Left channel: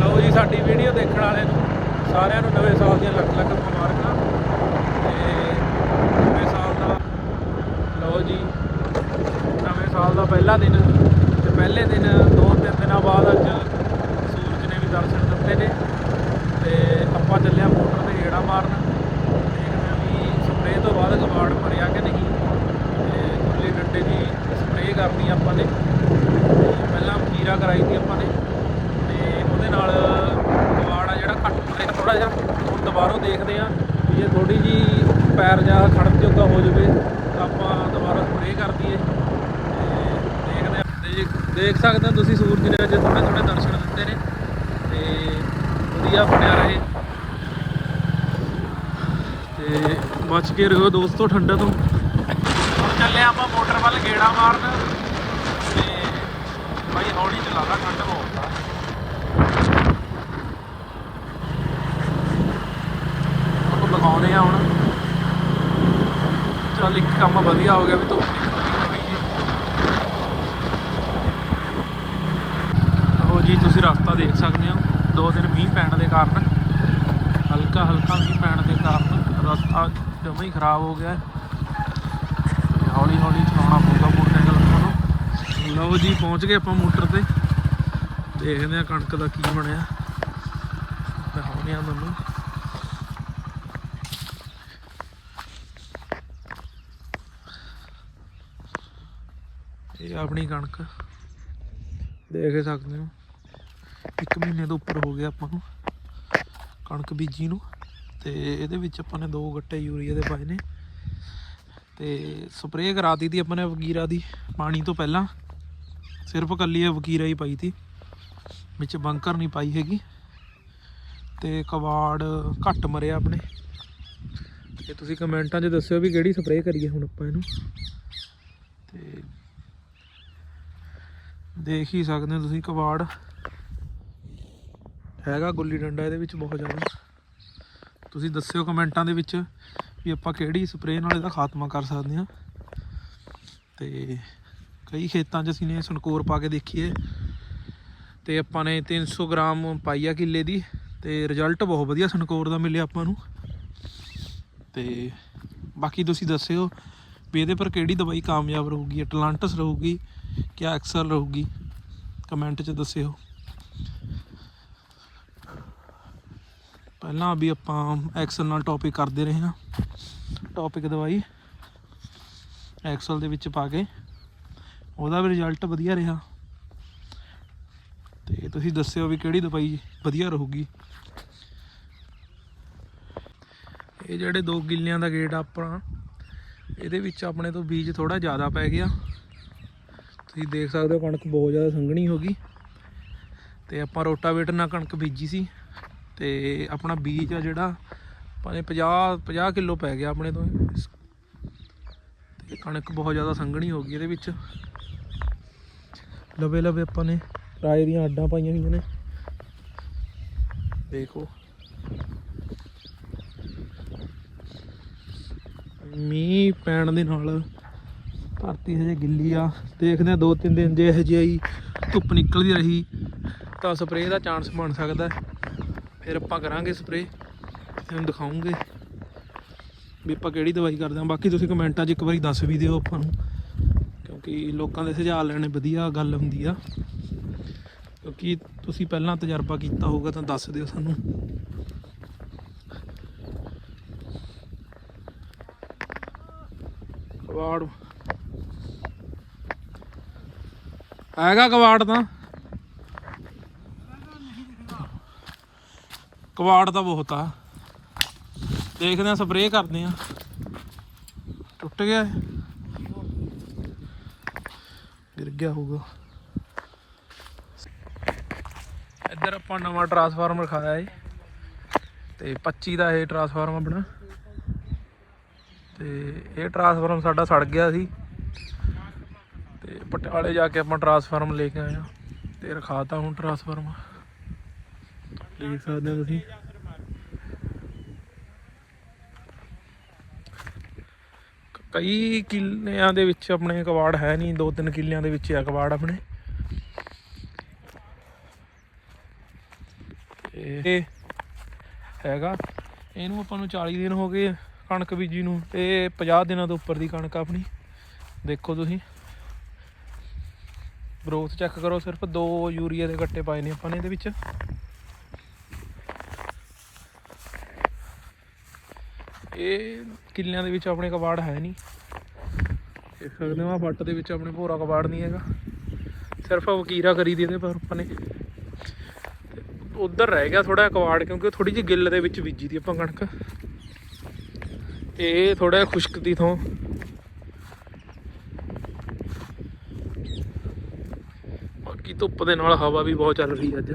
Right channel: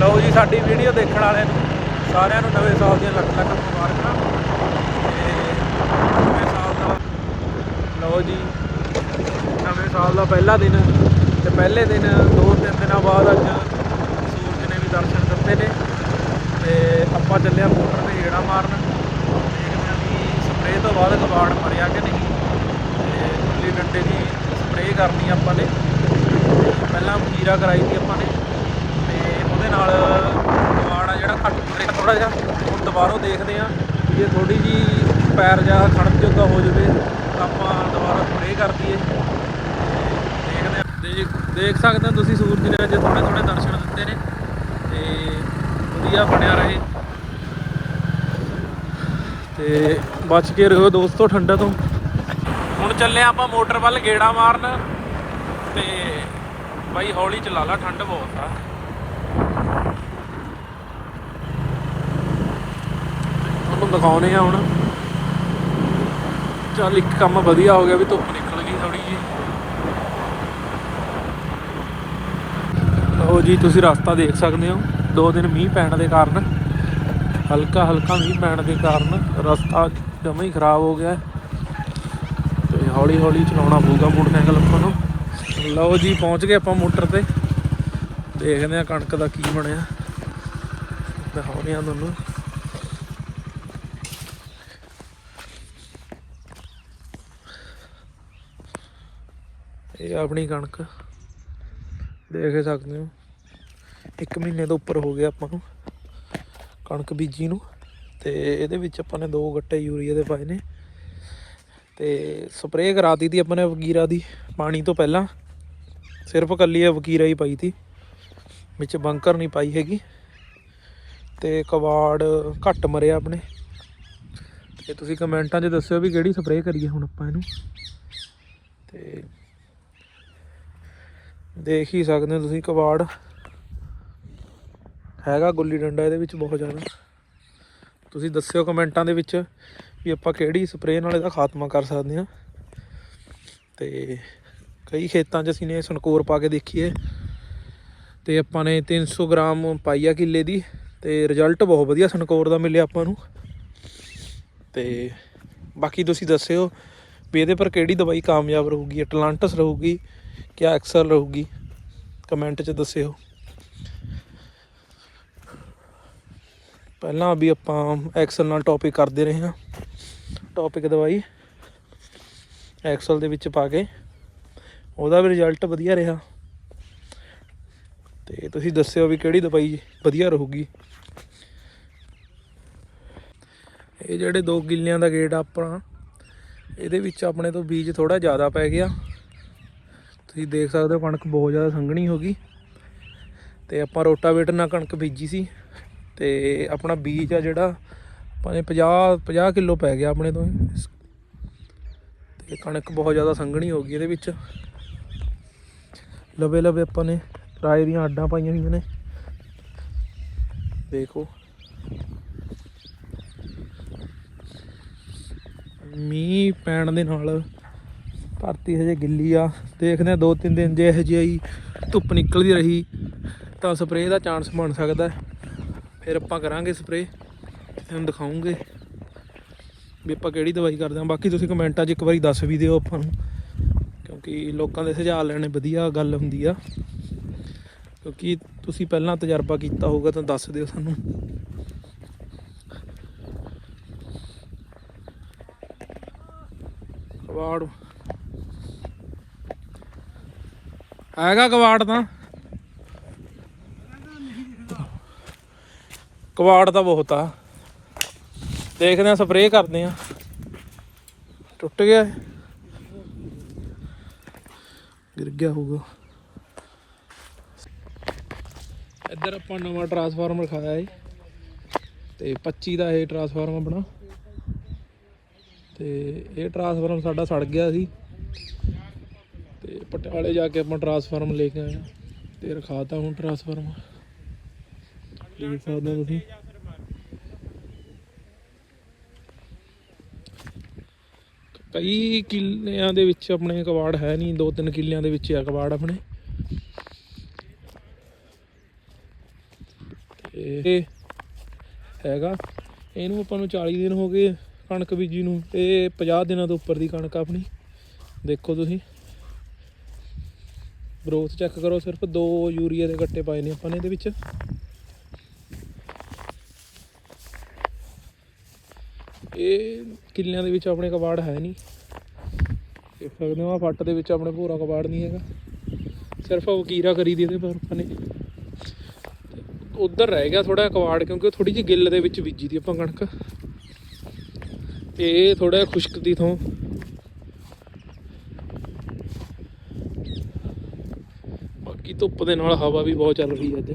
ਲਓ ਜੀ, ਸਾਡੀ ਵੀਡੀਓ ਦੇਖਣ ਵਾਲਿਆਂ ਨੂੰ, ਸਾਰਿਆਂ ਨੂੰ ਨਵੇਂ ਸਾਲ ਦੀਆਂ ਲੱਖ ਲੱਖ ਮੁਬਾਰਕਾਂ। ਤੇ ਨਵੇਂ ਸਾਲ ਦਾ, ਲਓ ਜੀ, ਨਵੇਂ ਸਾਲ ਦਾ ਪਹਿਲਾ ਦਿਨ ਤੇ ਪਹਿਲੇ ਦਿਨ ਦੋ ਤਿੰਨ ਦਿਨਾਂ ਬਾਅਦ ਅੱਜ ਸੂਰਜ ਨੇ ਵੀ ਦਰਸ਼ਨ ਦਿੱਤੇ ਨੇ। ਤੇ ਆਪਾਂ ਚੱਲੇ ਆ ਮੋਟਰ ਤੇ ਗੇੜਾ ਮਾਰਨ। ਦੇਖਦੇ ਆ ਵੀ ਸਪਰੇਅ ਤੋਂ ਬਾਅਦ ਕਬਾੜ ਮਰਿਆ ਕਿ ਨਹੀਂ। ਤੇ ਗੁੱਲੀ ਡੰਡੇ ਦੀ ਸਪਰੇਅ ਕਰਨੀ ਆਪਾਂ ਨੇ। ਪਹਿਲਾਂ ਮੀਰਾ ਕਰਾਈ ਸੀ ਆਪਾਂ ਨੇ। ਤੇ ਨਾਲ ਕਬਾੜ ਆ ਜਿਹੜਾ ਘੱਟ ਮਰਿਆ ਥੋੜਾ ਜਿਹਾ ਦੁਬਾਰੋਂ ਦੇਖਦੇ ਆ ਵੀ ਇਹ ਥੋੜੀ ਜੀ ਪੈਰ ਜਾਂ ਖੜਨ ਜੋਗਾ ਹੋ ਜਾਵੇ ਤਾਂ ਆਪਾਂ ਦੁਬਾਰਾ ਸਪਰੇਅ ਕਰ ਦਈਏ। ਦੇਖਦੇ ਆ ਦੇਖ ਸਕਦੇ ਹੋ ਤੁਸੀਂ ਸੂਰਜ ਨੇ ਅੱਜ ਥੋੜੇ ਥੋੜੇ ਦਰਸ਼ਨ ਦਿੱਤੇ ਨੇ ਤੇ ਵਧੀਆ ਬਣਿਆ ਰਹੇ। ਤੇ ਬਚ ਕੇ ਰਹੋ ਦੋਸਤੋ ਠੰਡਾ ਤੋਂ। ਹੁਣ ਚੱਲੇ ਆਪਾਂ ਮੋਟਰ ਵੱਲ ਗੇੜਾ ਮਾਰਨ। ਤੇ ਬਾਈ ਹੌਲੀ ਚਲਾ ਲਾ, ਠੰਡ ਬਹੁਤ ਆ ਤੁਹਾਨੂੰ ਦਿਖਾਉਨੇ ਆ ਹੁਣ। ਚੱਲ ਇੱਕ ਕੰਮ ਵਧੀਆ ਹੋ ਗਿਆ ਵੀ ਧੁੱਪ ਨਿਕਲ ਗਈ ਥੋੜੀ ਜੀ ਲਓ ਜੀ, ਤੁਸੀਂ ਰਸਤਾ ਦੇਖ ਸਕਦੇ ਹੋ। ਦੋ ਦਿਨ ਮੀਂਹ ਪੈਣ ਦੇ ਕਾਰਨ, ਹਲਕਾ ਹਲਕਾ ਮੀਂਹ ਪੈਣ ਦੇ ਕਾਰਨ ਰਸਤਾ ਜਮਾਂ ਹੀ ਖਰਾਬ ਹੋ ਗਿਆ। ਹੈ। ਤੇ ਹੌਲੀ ਹੌਲੀ ਚਲਾਉਣਾ ਪਊਗਾ ਮੋਟਰਸਾਈਕਲ ਆਪਾਂ ਨੂੰ ਲਓ ਜੀ, ਪਹੁੰਚ ਗਏ ਆਪਾਂ ਮੋਟਰ ਤੇ। ਦੇਖਦੇ ਆ ਕਣਕ ਦਾ ਕੀ ਬਣਿਆ। ਦਿਖਾਉਂਦੇ ਆ ਤੁਹਾਨੂੰ। ਇਹ ਆਪਣੀ ਕਣਕ। ਦੇਖ ਸਕਦੇ ਹੋ। ਇੱਕ ਮਹੀਨੇ ਤੋਂ ਉੱਪਰ ਹੋ ਗਿਆ ਆਪਾਂ ਨੂੰ ਕਣਕ ਬੀਜੀ ਨੂੰ। ਤੇ ਇਹਦੇ ਵਿੱਚ ਆਪਾਂ ਨੇ ਦੋ ਗੱਟੇ ਯੂਰੀਆ ਦੇ ਪਾਏ ਨੇ। ਤੇ ਸਪਰੇਅ ਕਰਾਤੀ ਤੀ ਆਪਾਂ ਨੇ ਵਕੀਰਾ ਦੀ ਪਾਣੀ ਤੋਂ ਪਹਿਲਾਂ। ਸਿਰਫ ਕੱਲੀ ਵਕੀਰਾ ਹੀ ਪਾਈ ਤੀ। ਵਿੱਚ ਬੰਕਰ ਨਹੀਂ ਪਾਈ ਹੈਗੀ। ਤੇ ਕਵਾੜ ਘੱਟ ਮਰਿਆ ਆਪਣੇ ਤੇ ਤੁਸੀਂ ਕਮੈਂਟਾਂ 'ਚ ਦੱਸਿਓ ਵੀ ਕਿਹੜੀ ਸਪਰੇਅ ਕਰੀਏ ਹੁਣ ਆਪਾਂ ਇਹਨੂੰ। ਤੇ ਦੇਖ ਹੀ ਸਕਦੇ ਹੋ ਤੁਸੀਂ ਕਵਾੜ ਹੈਗਾ ਗੁੱਲੀ ਡੰਡਾ, ਇਹਦੇ ਵਿੱਚ ਬਹੁਤ ਜ਼ਿਆਦਾ। ਤੁਸੀਂ ਦੱਸਿਓ ਕਮੈਂਟਾਂ ਦੇ ਵਿੱਚ ਵੀ ਆਪਾਂ ਕਿਹੜੀ ਸਪਰੇਅ ਨਾਲ ਇਹਦਾ ਖਾਤਮਾ ਕਰ ਸਕਦੇ ਹਾਂ। ਤੇ ਕਈ ਖੇਤਾਂ 'ਚ ਅਸੀਂ ਨੇ ਸਨਕੋਰ ਪਾ ਕੇ ਦੇਖੀਏ। ਤੇ ਆਪਾਂ ਨੇ 300 ਗ੍ਰਾਮ ਪਾਈ ਆ ਕਿੱਲੇ ਦੀ, ਤੇ ਰਿਜ਼ਲਟ ਬਹੁਤ ਵਧੀਆ ਸਨਕੋਰ ਦਾ ਮਿਲਿਆ ਆਪਾਂ ਨੂੰ। ਤੇ ਬਾਕੀ ਤੁਸੀਂ ਦੱਸਿਓ ਵੀ ਇਹਦੇ ਪਰ ਕਿਹੜੀ ਦਵਾਈ ਕਾਮਯਾਬ ਰਹੂਗੀ ਐਟਲਾਂਟਸ ਰਹੂਗੀ ਕਿਆ ਐਕਸਲ ਰਹੂਗੀ? ਕਮੈਂਟ 'ਚ ਦੱਸਿਓ। ਪਹਿਲਾਂ ਵੀ ਆਪਾਂ ਐਕਸਲ ਨਾਲ ਟੌਪਿਕ ਕਰਦੇ ਰਹੇ ਹਾਂ। ਟੌਪਿਕ ਦਵਾਈ ਐਕਸਲ ਦੇ ਵਿੱਚ ਪਾ ਕੇ। ਉਹਦਾ ਵੀ ਰਿਜ਼ਲਟ ਵਧੀਆ ਰਿਹਾ। ਤੇ ਤੁਸੀਂ ਦੱਸਿਓ ਵੀ ਕਿਹੜੀ ਦਵਾਈ ਵਧੀਆ ਰਹੂਗੀ। ਇਹ ਜਿਹੜੇ ਦੋ ਗਿੱਲਿਆਂ ਦਾ ਗੇਟ ਆ ਆਪਣਾ, ਇਹਦੇ ਵਿੱਚ ਆਪਣੇ ਤੋਂ ਬੀਜ ਥੋੜਾ ਜ਼ਿਆਦਾ ਪੈ ਗਿਆ। ਤੁਸੀਂ ਦੇਖ ਸਕਦੇ ਹੋ ਕਣਕ ਬਹੁਤ ਜ਼ਿਆਦਾ ਸੰਘਣੀ ਹੋ ਗਈ। ਤੇ ਆਪਾਂ ਰੋਟਾਵੇਟਰ ਨਾਲ ਕਣਕ ਬੀਜੀ ਸੀ। ਤੇ ਆਪਣਾ ਬੀਜ ਆ ਜਿਹੜਾ ਆਪਾਂ ਨੇ 50 50 ਕਿਲੋ ਪੈ ਗਿਆ ਆਪਣੇ ਤੋਂ। ਇਸ- ਤੇ ਕਣਕ ਬਹੁਤ ਜ਼ਿਆਦਾ ਸੰਘਣੀ ਹੋ ਗਈ ਇਹਦੇ ਵਿੱਚ। ਲਵੇ ਲਵੇ ਆਪਾਂ ਨੇ ਰਾਈ ਦੀਆਂ ਆਡਾਂ ਪਾਈਆਂ ਹੋਈਆਂ ਨੇ। ਦੇਖੋ। ਮੀਂਹ ਪੈਣ ਦੇ ਨਾਲ ਧਰਤੀ ਹਜੇ ਗਿੱਲੀ ਆ। ਦੇਖਦੇ ਆ ਦੋ ਤਿੰਨ ਦਿਨ ਜੇ ਇਹੋ ਜਿਹੀ ਧੁੱਪ ਨਿਕਲਦੀ ਰਹੀ, ਤਾਂ ਸਪਰੇਅ ਦਾ ਚਾਂਸ ਬਣ ਸਕਦਾ ਫਿਰ ਆਪਾਂ ਕਰਾਂਗੇ ਸਪਰੇਅ ਤੁਹਾਨੂੰ ਦਿਖਾਉਂਗੇ ਵੀ ਆਪਾਂ ਕਿਹੜੀ ਦਵਾਈ ਕਰਦੇ ਹਾਂ। ਬਾਕੀ ਤੁਸੀਂ ਕਮੈਂਟਾਂ 'ਚ ਇੱਕ ਵਾਰੀ ਦੱਸ ਵੀ ਦਿਓ ਆਪਾਂ ਨੂੰ, ਕਿਉਂਕਿ ਲੋਕਾਂ ਦੇ ਸੁਝਾਅ ਲੈਣੇ ਵਧੀਆ ਗੱਲ ਹੁੰਦੀ ਆ। ਕਿਉਂਕਿ ਤੁਸੀਂ ਪਹਿਲਾਂ ਤਜਰਬਾ ਕੀਤਾ ਹੋਊਗਾ ਤਾਂ ਦੱਸ ਦਿਓ ਸਾਨੂੰ। ਕਵਾੜ ਹੈਗਾ ਕਵਾੜ ਤਾਂ? ਕਵਾੜ ਤਾਂ ਬਹੁਤ ਆ। ਦੇਖਦੇ ਆ ਸਪਰੇਅ ਕਰਦੇ ਆ। ਟੁੱਟ ਗਿਆ ਇਹ? ਗਿਰ ਗਿਆ ਹੋਊਗਾ। ਇੱਧਰ ਆਪਾਂ ਨਵਾਂ ਟਰਾਂਸਫਾਰਮਰ ਖਾਇਆ ਏ ਤੇ 25 ਦਾ ਇਹ ਟਰਾਂਸਫਾਰਮਰ ਬਣਾ। ਤੇ ਇਹ ਟਰਾਂਸਫਾਰਮ ਸਾਡਾ ਸੜ ਗਿਆ ਸੀ। ਪਟਿਆਲੇ ਜਾ ਕੇ ਆਪਾਂ ਟਰਾਂਸਫਾਰਮਰ ਲੈ ਕੇ ਆਏ ਆ ਤੇ ਰਖਾਤਾ ਹੁਣ ਟਰਾਂਸਫਾਰਮਰ ਦੇਖ ਸਕਦੇ ਹੋ ਤੁਸੀਂ। ਕਈ ਕਿੱਲਿਆਂ ਦੇ ਵਿੱਚ ਆਪਣੇ ਕਬਾੜ ਹੈ ਨਹੀਂ, ਦੋ ਤਿੰਨ ਕਿੱਲਿਆਂ ਦੇ ਵਿੱਚ ਆ ਕਬਾੜ ਆਪਣੇ। ਇਹ ਹੈਗਾ, ਇਹਨੂੰ ਆਪਾਂ ਨੂੰ 40 ਦਿਨ ਹੋ ਗਏ ਕਣਕ ਬੀਜੀ ਨੂੰ ਇਹ 50 ਦਿਨਾਂ ਤੋਂ ਉੱਪਰ ਦੀ ਕਣਕ ਆਪਣੀ। ਦੇਖੋ ਤੁਸੀਂ। ਗਰੋਥ ਚੈੱਕ ਕਰੋ, ਸਿਰਫ ਦੋ ਯੂਰੀਆ ਦੇ ਗੱਟੇ ਪਾਏ ਨੇ ਆਪਾਂ ਨੇ ਇਹਦੇ ਵਿੱਚ। ਇਹ ਕਿੱਲਿਆਂ ਦੇ ਵਿੱਚ ਆਪਣੇ ਕਬਾੜ ਹੈ ਨਹੀਂ। ਦੇਖ ਸਕਦੇ ਹੋ ਆ ਫੱਟ ਦੇ ਵਿੱਚ ਆਪਣੇ ਭੋਰਾ ਕਬਾੜ ਨਹੀਂ ਹੈਗਾ। ਸਿਰਫ ਵਕੀਰਾ ਕਰੀ ਦੀ ਇਹਦੇ ਪਰ ਆਪਾਂ ਨੇ। ਉਧਰ ਰਹਿ ਗਿਆ ਥੋੜਾ ਕਵਾੜ ਕਿਉਂਕਿ ਥੋੜੀ ਜਿਹੀ ਗਿੱਲ ਦੇ ਵਿੱਚ ਬੀਜੀ ਦੀ ਆਪਾਂ ਕਣਕ। ਤੇ ਇਹ ਥੋੜਾ ਖੁਸ਼ਕ ਦੀ ਥੋਂ ਬਾਕੀ ਧੁੱਪ ਦੇ ਨਾਲ ਹਵਾ ਵੀ ਬਹੁਤ ਚੱਲ ਰਹੀ ਅੱਜ।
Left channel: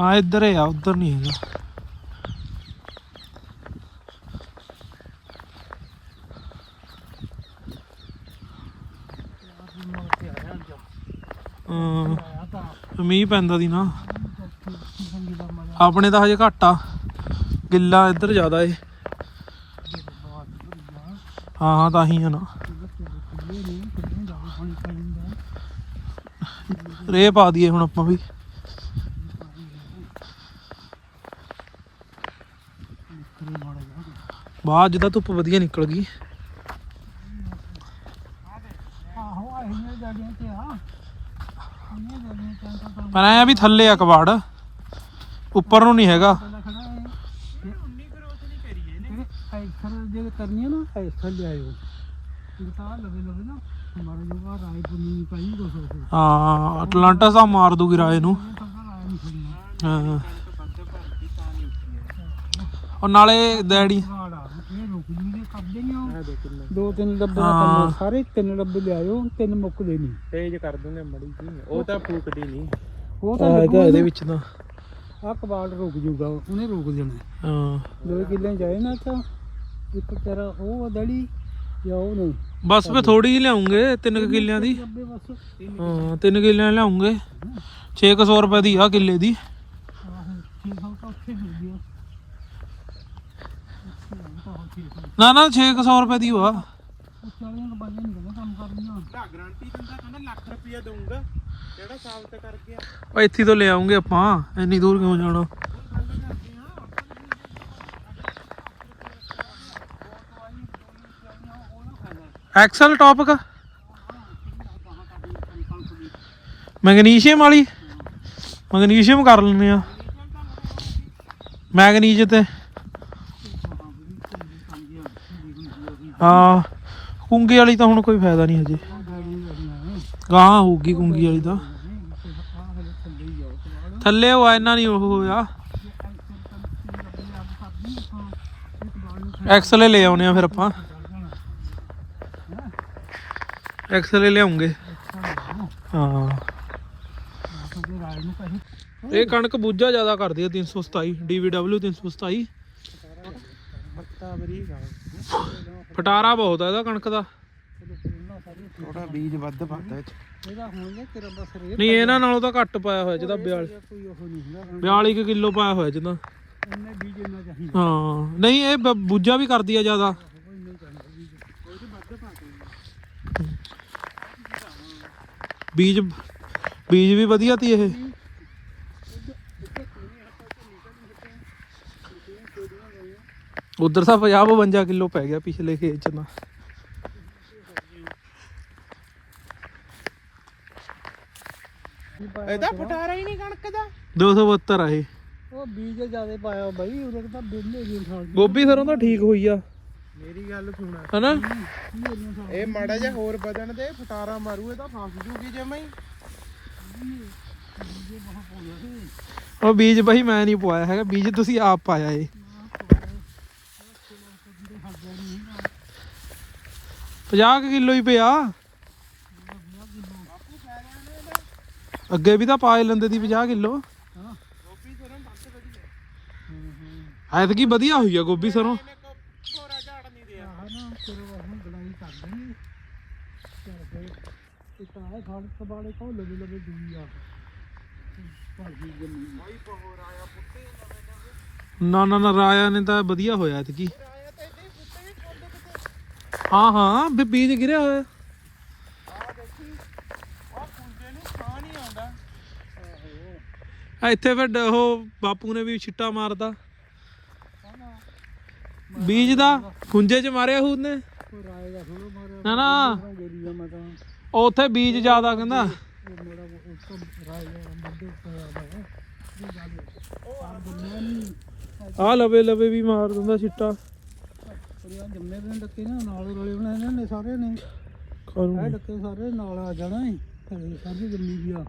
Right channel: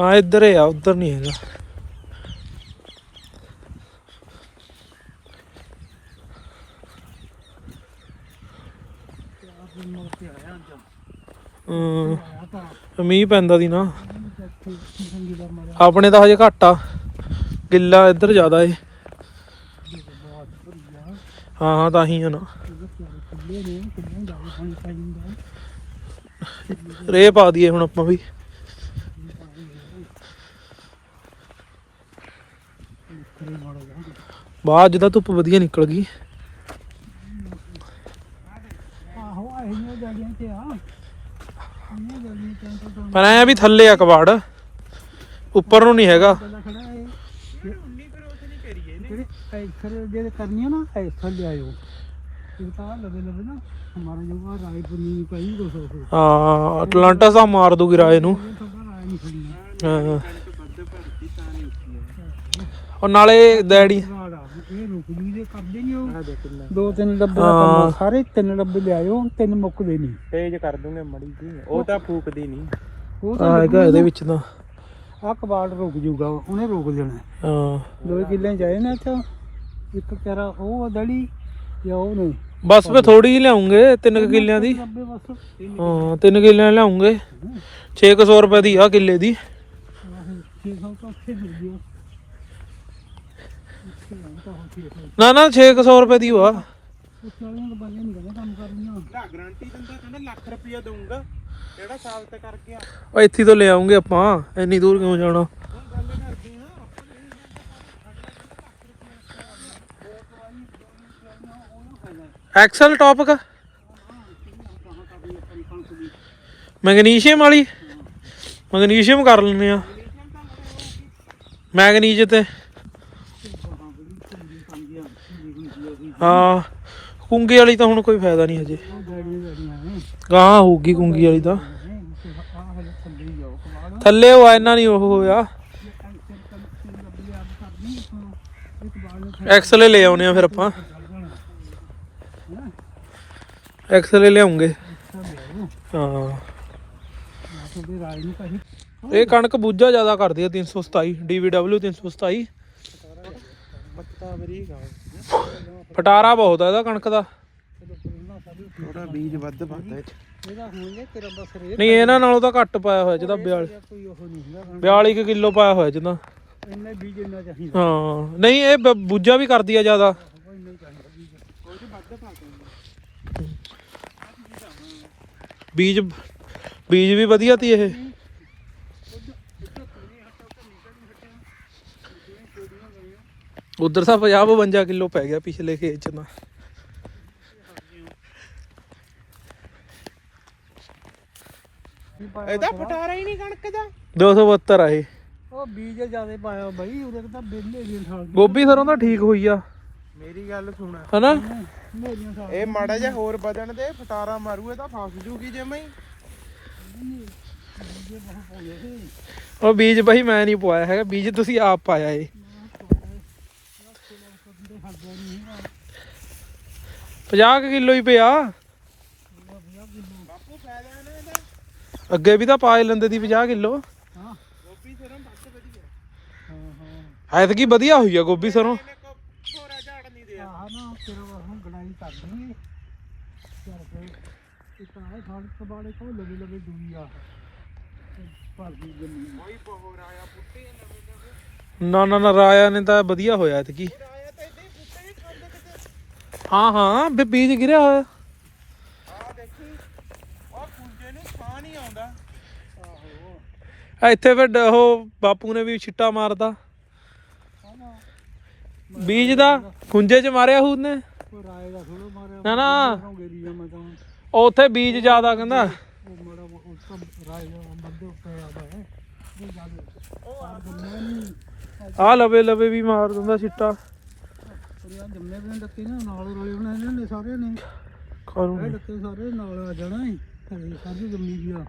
ਹਾਂ, ਇੱਧਰ ਹੀ ਆ, ਉੱਧਰ ਨਹੀਂ ਹੈਗਾ। ਹਮ ਮੀਂਹ ਪੈਂਦਾ ਦੀ ਨਾ। ਆਪਣੇ ਤਾਂ ਹਜੇ ਘੱਟ ਆ। ਗਿੱਲਾ ਇੱਧਰ ਜ਼ਿਆਦਾ ਏ। ਹਾਂ ਹਾਂ, ਤਾਂ ਹੀ ਆ ਨਾ। ਰੇ ਪਾ ਦਈਏ ਹੁਣ ਆਪਾਂ ਵੀ। ਬਾਅਦ ਅੱਜ ਧੁੱਪ ਵਧੀਆ ਨਿਕਲ ਗਈ। ਆਹੋ ਆਈਆਂ ਜੜੀਆਂ ਤੇ ਆ। ਪਰ ਐ ਵੀ ਥੱਲੇ ਆ ਕਬਾੜ। ਉੱਪਰ ਨੂੰ ਨਹੀਂ ਹੈਗਾ। ਪਹਿਲਾਂ ਜਿਹੜੇ ਐਕਸਰ ਜਿਹੜੇ ਨਾ ਐਕਸਰ ਲਿਆਇਓ ਤਾਂ ਲਵੇ ਲਵੇ ਨਾ ਹਮਾਰਾ ਜੋ ਆ ਰਾਈਟ ਨਹੀਂ ਕੋ ਸੋ ਹਾਂ ਅਟਲਾਂਟਾ ਸਾ ਮਾਰ ਦੂਗੀ ਰਾਏ ਨੂੰ। ਹਾਂ। ਉਹ ਨਾਲੇ ਡੈਡੀ ਵਾੜਾ ਇਹ ਰੁਕ ਜੂ ਜੇ ਕਰਦੇ ਨਹੀਂ ਉਹ ਦੋ ਤਿੰਨ ਡੱਬੇ ਹਾਂ। ਸਾਰੇ ਤਿੰਨ ਡੱਬੇ ਲਿਆਇਓ ਤਿੰਨ ਮੁੱਕਦੇ ਨਹੀਂ। ਤੇਜ ਕਰ ਦੂੰਗੇ ਮੜੀ ਜੀ। ਉਹ ਤਾਂ ਫੂਕਦੀ ਨਹੀਂ। ਉਹ ਆ ਤਾਂ ਹੈਗਾ ਇਹਦੇ ਵਿੱਚ ਤਾਂ। ਆ ਕਬਾੜ ਰੁਕ ਜੂਗਾ ਉਹਨੇ ਰੋਕ ਦੇਣਾ। ਹਾਂ। ਦੋ ਕਿੱਲੇ ਜਾਏ ਨਾ ਤਾਂ ਇੱਕ ਕਰਾ ਉਹ ਦੜੀ ਜਾਂ ਉਹ ਨਹੀਂ। ਬਸ ਫੇ ਥੋੜੀ ਜਿਹੀ ਲਿਆਉਂਗੇ ਤਿੰਨ ਕੁ ਕਿੱਲਿਆਂ ਦੀ। ਡੱਬੇ ਬਸ। ਹਾਂ ਤਿੰਨ ਕਿੱਲਿਆਂ ਲਿਆਉਂਗੇ। 600 ਰੁਪਏ ਦੀ ਆ ਕਿੱਲੇ ਦੀ। ਆਹੋ ਛੇ ਸੌ ਤਾਂ ਉੱਥੇ ਮਿਲ ਗਿਆ ਉੱਥੇ ਆਈ ਤਾਂ ਹੁਣ ਛੇ ਸੌ ਨਾ ਨਾ 600 ਰੁਪਏ ਦੀ ਵਾ ਨਾ ਗਾਰੰਟੀ ਦਿੰਦਾ ਕਹਿੰਦਾ ਲੱਖ ਰੁਪਇਆ ਦਊਂਗਾ ਕਿਹੜਾ ਸਾਲ ਕਰਕੇ ਆ ਉਹ ਇੱਥੇ ਤੋਂ ਲੈ ਆਉਂਗੇ ਆਪਾਂ, ਇੰਨੀ ਦੂਰ ਕਿਉਂ ਜਾਣਾ? ਐਕਸਲ ਟੌਪਕ ਮੈਗਨੀਸ਼ੀਅਮ ਵਾਲੀ? ਮੈਗਨੀਸ਼ੀਅਮ ਕਰ ਲੈਂਦੇ ਆ। ਮੈਗਨੀਜ ਤੇ। ਹਾਂ, ਕੁੰਗੀ ਵਾਲੀ ਤਾਂ ਹੁਣ ਕੋਈ ਫਾਇਦਾ ਨਹੀਂ ਹਜੇ। ਗਾਂ ਹੋਊਗੀ ਕੁੰਗੀ ਵਾਲੀ ਤਾਂ। ਥੱਲੇ ਉਹ ਇੰਨਾ ਨਹੀਂ ਉਹ ਹੋਇਆ। ਇਹ ਟੈਂਸ਼ਨ ਟੈਂਸ਼ਨ ਡੱਬੇ ਕਰਦੀ ਲੈ ਆਉਨੇ ਆ ਫਿਰ ਆਪਾਂ। ਚੱਲ ਜਾਣਾ ਐਕਸਲ ਲਿਆਉਂਗੇ। ਅੱਛਾ ਲਿਆਓ ਹਾਂ। ਇਹ ਕਣਕ ਬੂਝਾ ਜ਼ਿਆਦਾ ਕਰਦੀ ਆ 327 DVW 327 ਫਟਾਰਾ ਬਹੁਤ ਆ ਇਹਦਾ ਕਣਕ ਦਾ। ਥੋੜਾ ਬੀਜ ਵੱਧ ਪਾਉਂਦਾ ਵਿੱਚ ਇਹਦਾ ਹੋਣਗੇ ਤੇਰਾ ਬਸ ਰੇਟ ਨਹੀਂ ਇਹਨਾਂ ਨਾਲੋਂ ਤਾਂ ਘੱਟ ਪਾਇਆ ਹੋਇਆ ਜਿਹਦਾ 42 ਕੋਈ ਉਹ ਨਹੀਂ ਹੁੰਦਾ। 42 ਕਿਲੋ ਪਾਇਆ ਹੋਇਆ ਜਿਹਦਾ। ਉਹਨੇ ਬੀਜ ਇੰਨਾ ਚਾਹੀਦਾ ਹਾਂ ਨਹੀਂ ਇਹ ਬ- ਬੂਝਾ ਵੀ ਕਰਦੀ ਆ ਜ਼ਿਆਦਾ। ਬੀਜ ਬੀਜ ਬੀਜ ਵੀ ਵਧੀਆ ਤੀ ਇਹ। ਉਧਰ ਤਾਂ 50 52 ਕਿਲੋ ਪੈ ਗਿਆ ਪਿਛਲੇ ਖੇਤ ਚ ਤਾਂ। ਇਹਦਾ ਫਟਾਰਾ ਹੀ ਨਹੀਂ ਕਣਕ ਦਾ। 272 ਆ ਇਹ। ਉਹ ਬੀਜ ਜ਼ਿਆਦਾ ਪਾਇਆ ਬਾਈ ਉਹਦੇ ਤਾਂ ਬਿੱਲੇ ਜੀ ਥਾਲ ਗੋਭੀ ਸਰੋਂ ਤਾਂ ਠੀਕ ਹੋਈ ਆ। ਮੇਰੀ ਗੱਲ ਸੁਣ। ਹਨਾ? ਇਹ ਮਾੜਾ ਜਿਹਾ ਹੋਰ ਵਧਣ ਦੇ ਫਟਾਰਾ ਮਾਰੂ ਇਹ ਤਾਂ ਫਸ ਜੂਗੀ ਜਮੇ ਉਹ ਬੀਜ ਬਈ ਮੈਂ ਨਹੀਂ ਪਵਾਇਆ ਹੈਗਾ ਬੀਜ ਤੁਸੀਂ ਆਪ ਪਾਇਆ ਏ 50 ਕਿਲੋ ਹੀ ਪਿਆ। ਅੱਗੇ ਵੀ ਤਾਂ ਪਾ ਲੈਂਦੇ ਦੀ 50 ਕਿਲੋ। ਐਤਕੀ ਵਧੀਆ ਹੋਈ ਆ ਗੋਭੀ ਸਰੋਂ। ਨਾ ਨਾ ਨਾ, ਰਾਇਆ ਨੇ ਤਾਂ ਵਧੀਆ ਹੋਇਆ ਐਤਕੀ ਕੀ ਆਇਆ ਤਾਂ ਇਹਦੇ ਪੁੱਤੇ ਵੀ ਖਾਂਦੇ ਕਿਤੇ ਹਾਂ ਹਾਂ ਵੀ ਬੀਜ ਗਿਰਿਆ ਹੋਇਆ। ਆ ਦੇਖੀ ਉਹ ਕੁੰਜੇ ਨੂੰ ਸਾਹ ਨਹੀਂ ਆਉਂਦਾ ਆ ਇੱਥੇ ਫਿਰ ਉਹ ਬਾਪੂ ਨੇ ਵੀ ਛਿੱਟਾ ਮਾਰਦਾ ਬੀਜ ਦਾ ਖੁੰਝੇ ਚ ਮਾਰਿਆ ਹੂਦ ਨੇ ਪਰ ਨਾ। ਨਾ ਉੱਥੇ ਬੀਜ ਜ਼ਿਆਦਾ ਕਹਿੰਦਾ। ਆ ਲਵੇ ਲਵੇ ਵੀ ਮਾਰ ਦਿੰਦਾ ਛਿੱਟਾ। ਜੰਮੇ ਵੀ ਲੱਕੇ ਨਾ ਨਾਲ ਰਲੇ ਬਣਾਏ ਨੇ ਇਹਨੇ ਸਾਰੇ ਨੇ। ਕਰੂ ਇਹ ਲੱਕੇ ਸਾਰੇ ਨਾਲ ਆ ਜਾਣਾ ਹੈ ਘਰੇ ਸਾਰੀ ਜੰਮੀ ਵੀ ਆ।